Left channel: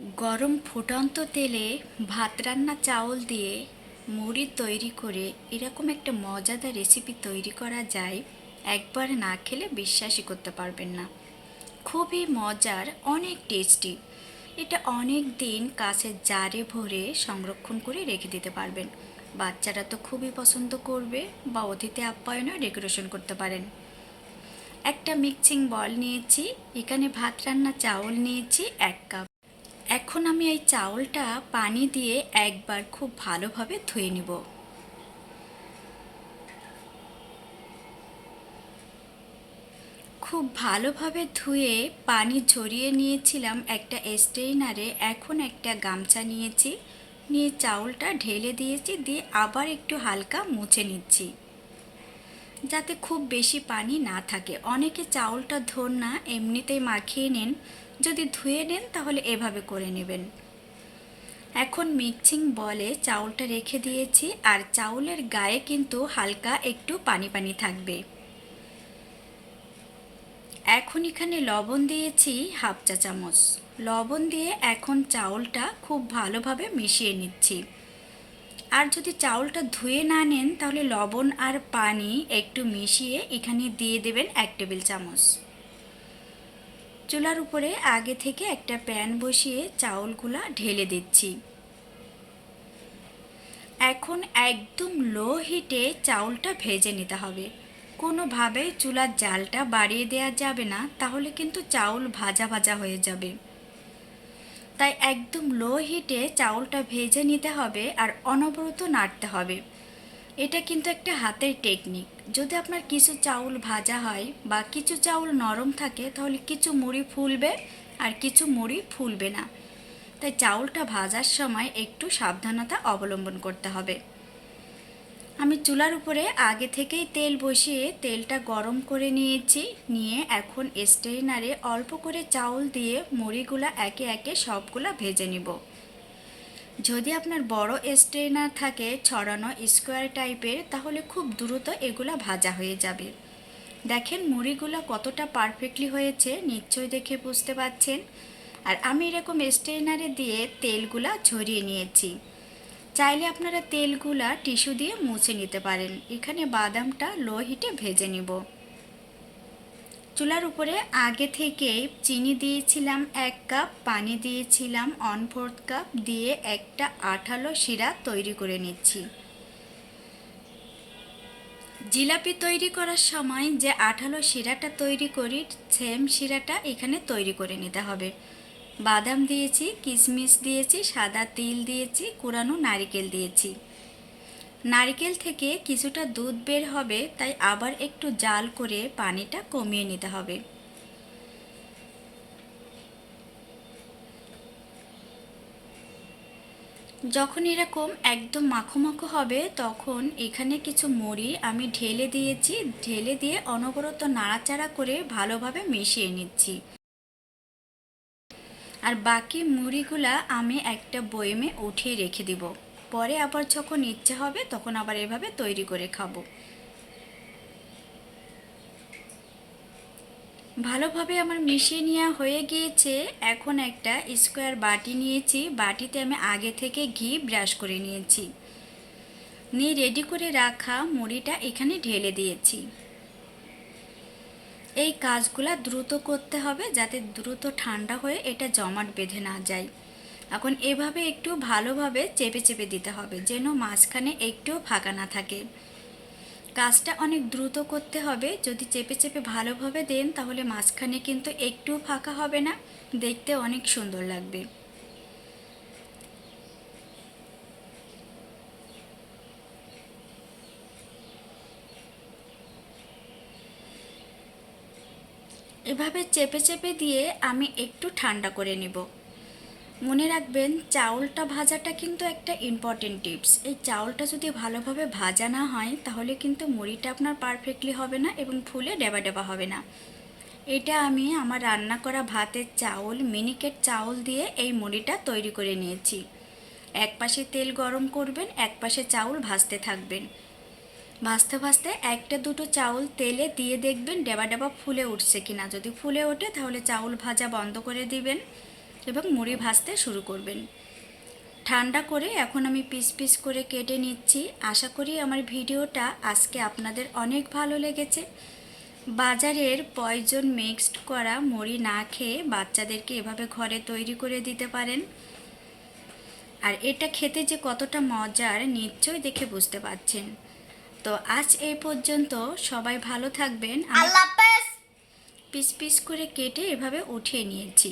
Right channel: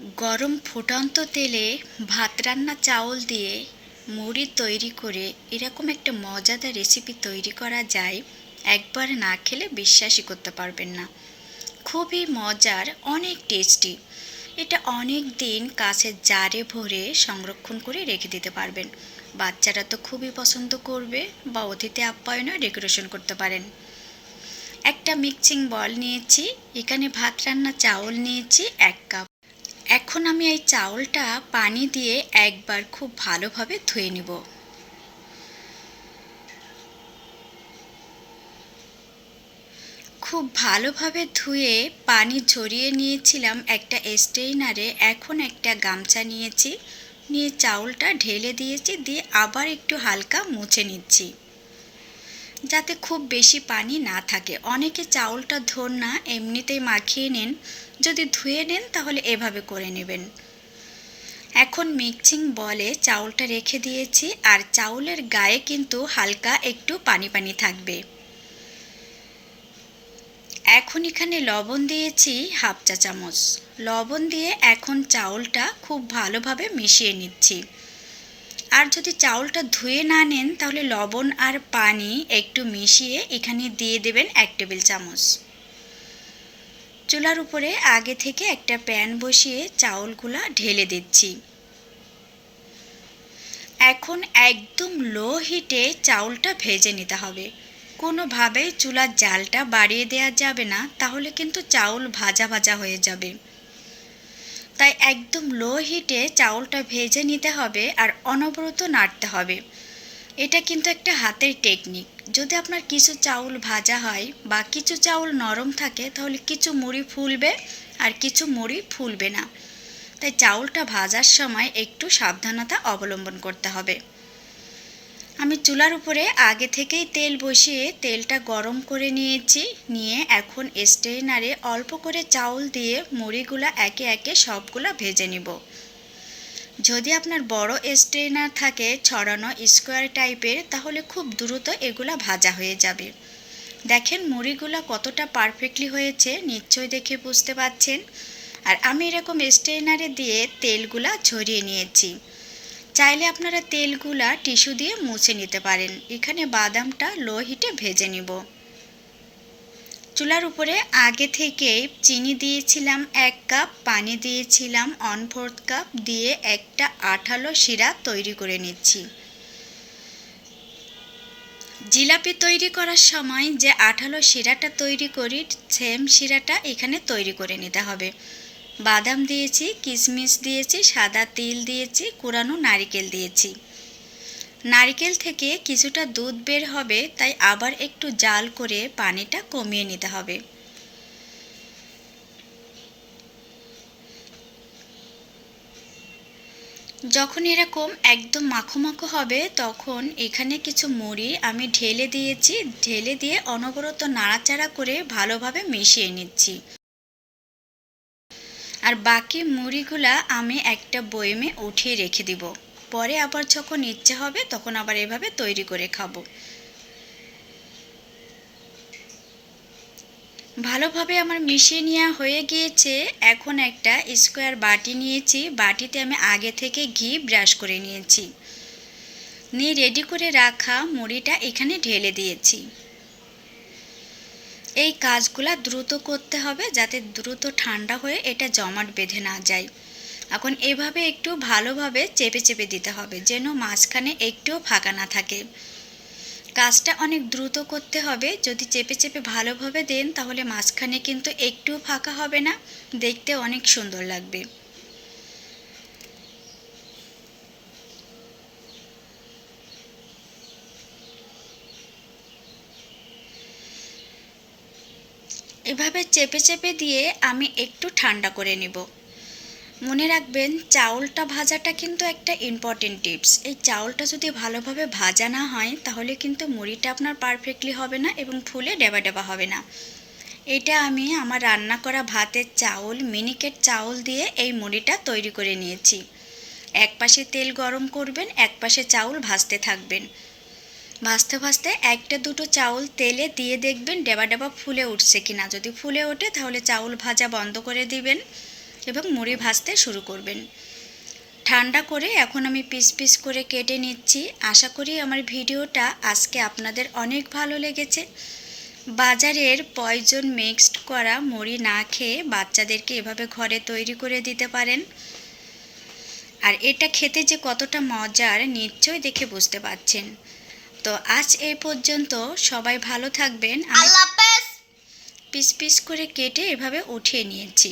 গরম ফুটন্ত তেলে ভাত রান্না চাউল দিয়ে মুড়ি তৈরি করে এরকম একটা মজাদার রেসিপি তৈরি করা যায়, একবার না খেলে বিশ্বাসই করতে পারবেন না। খুবই মজার, অনেক টেস্টি এটা অনেক দিন কাছে জারে ভরে সংরক্ষণ করে রেখে দিতে পারবেন। বাচ্চারা তো খুবই পছন্দ করবে বা অতিথি আপ্যায়নও ডেকোরেশন করতে পারেন। একটা মিক্সিং বল নিয়েছি, এখানে ভাত রান্না চাউল নিয়েছি, এক কাপ এখন আমি এই চাউলটা পানি দিয়ে একবার খুব ভালোভাবে ধুয়ে নিব। খুব ভালোভাবে ধুয়ে পানি ঝরিয়ে নিয়েছিলাম একটা স্টেইনারে এখন একটা গামছা নিয়েছি। নিয়ে চাউলটা ঢেলে দিয়েছি, দিয়ে আবার একটু হালকা মুছে নিচ্ছি। যাতে খুব বেশি পানি না থাকে। অনেকে চাউলটা ধর না এমনিতেই মাখিয়ে নেন। যদি ধুয়ে নেন তাহলে এভাবে করে নেবেন। এখন মিক্সিং বলে চাউলটা রেখে দিয়েছি আর চাউলের গায়ে কিন্তু হালকা একটু পানি পানি থাকবে। এখন এখানে লবণ দিয়েছি হাফ চা চামচ। লবণ দিয়ে এখন চাউলটা খুব ভালোভাবে মিশিয়ে নিচ্ছি। আর যদি চাউলটা ধুয়ে না নেন, তাহলে লবণ আর পানি একটু মিশিয়ে এখানে দিয়ে দেবেন এক টেবিল চামচ। চুলার উপরে আগে থেকে একটা প্যান বসিয়ে চাউলগুলা ঢেলে দিচ্ছি। এখন একদম লো হিটে চাউলটা ভেজে নিতে হবে। কোনোভাবেই চুলার জালটা বাড়িয়ে দেওয়া যাবে না, তাহলে কিন্তু চাউল ভাজা ভাজা হয়ে যাবে। তাই একদম লো হিটে চাউলটা ভেজে নিতে হবে আর অনবরত নাড়তে হবে। এটা কিন্তু একটা হাতের টেকনিক যদি আপনার কিছু চাউল ভাজা হয় বা কিছু চাউল নরম থাকে, তাহলে কিছু মুড়ি ফুলবে আর কিছু মুড়ি ফুলবে না। তাই চাউলটা ভাজার সময় একটু সাবধানতা অবলম্বন করতে হবে। আমি চুলার উপরে আগে থেকেই তেল বসিয়ে তেলটা গরম করে নিয়েছি। নিয়ে এখন স্টেইনারে অল্প করে চাউল দিয়ে মুড়িগুলা একে একে সবগুলা ভেজে নিব। যদি আপনার বড় স্ট্রেনার থাকে ছড়ানো স্কোয়ার টাইপের, তাহলে খুব দ্রুত এগুলা ভাজা হয়ে যাবে। দেখেন মুড়িগুলা কতটা পারফেক্টলি হয়েছে নিশ্চয়ই দেখে বুঝতে পাচ্ছেন। আর আমি এরকম স্ট্রেনারে দিয়ে তেলগুলা ঝরিয়ে নিয়েছি। চাইলে আপনারা তেলগুলা টিস্যু দিয়ে মুছে নিতে পারেন। এখানে বাদামটা লো হিটে ভেজে নিব। চুলার উপরে আগে থেকে চিনি দিয়েছিলাম এক কাপ, পানি দিয়েছিলাম অন ফোর্থ কাপ, দিয়ে একটা আঠালো শিরা তৈরি করে নিচ্ছি। জিলাপি তৈরি করার সময় যে আঠালো শিরাটা তৈরি করি সেম শিরাটা এখানে তৈরি করে নিতে হবে। বাদাম দিয়েছি, কিশমিশ দিয়েছি, সাদা তিল দিয়েছি কুরানো নারিকেল দিয়েছি। নারকেল থেকে কিছুটা দুধ বের হবে, তাই আবার একটু জাল করে পানিটা কমিয়ে নিতে হবে। যখন এরকম একদম মাখো মাখো হবে, তখন এখানে কিছু মুড়ি আমি ঢেলে দিয়েছি। ঢেলে দিয়ে অনবরত নাড়াচাড়া করে ভালোভাবে মিশিয়ে নিচ্ছি। আর বাকি মুড়িগুলা আমি একটা বয়েমে উঠিয়ে রেখে দিব। পরে আবার যখন ইচ্ছে হবে তখন আবার এভাবে তৈরি করে খাব। ভালোভাবে আমার মিশিয়ে নেওয়া হয়ে গিয়েছে। এখন একটা স্কোয়ার বাটি নিয়েছি। বাটিতে আমি আগে থেকে ঘি ব্রাশ করে নিয়েছি। নিয়ে রেডি করে রাখা মুড়িটা এখানে ঢেলে দিয়েছি। এই কাজগুলো দ্রুত করতে হবে যাতে দ্রুত ঠান্ডা হয়ে এটা জমাট বেঁধে না যায়। এখন এভাবে একটু ভালোভাবে চেপে চেপে দিতে হবে যেন মাঝখানে একটুও ফাঁকা না থাকে। কাজটা অনেক দ্রুত করতে হবে। যদি চেপে চেপে ভালোভাবে দেন তাহলে মাঝখানে কিন্তু একটুও ফাঁকা হবে না। দেখতে অনেক সুন্দর লাগবে। এভাবে চেপে চেপে দিয়ে আমি একটু ঠান্ডা করে নেব। মনে রাখবেন, চাউলটা ভাজাটা কিন্তু একটা ইম্পর্টেন্ট টিপস এই চাউলটা যদি ভালোভাবে ভাজা না হয়, তাহলে কিন্তু মুড়িটা আপনার পারফেক্টলি হবে না এবং ফুলে ডেবা ডেবা হবে না। এটা আমি আমার রান্না করা ভাতের চাউল, মিনিকেট চাউল দিয়ে এই মুড়িটা তৈরি করে নিয়েছি। এক পাশে তেল গরম করবেন, এক পাশে চাউল ভাজতে থাকবেন। ভাজতে ভাজতে একটা দুটো চাউল তেলে দিয়ে দেখবেন ডেবা ডেবা ফুলে উঠছে কিনা। যদি ফুলে ওঠে তাহলে চাউল ভাজা বন্ধ করে দিবেন এবং মুড়ি ভাজতে শুরু করবেন। ঠান্ডা করে এখন আমি পিস পিস করে কেটে নিচ্ছি। আশা করি আমার ভিডিওটা আজকে আপনাদের অনেক ভালো লেগেছে। বাজারের পয়জন মিক্সড করা মুড়ি না খেয়ে বাচ্চাদেরকে এভাবে ঘরে তৈরি করে দিতে পারেন। আর এটা খেতে যে কতটা মজার, নিশ্চয়ই দেখে বুঝতে পারছেন। তো আজ এই পর্যন্ত সবাই ভালো থাকবেন। আল্লাহ পিস পিস করে কেটে এভাবে উঠিয়ে নিয়েছি।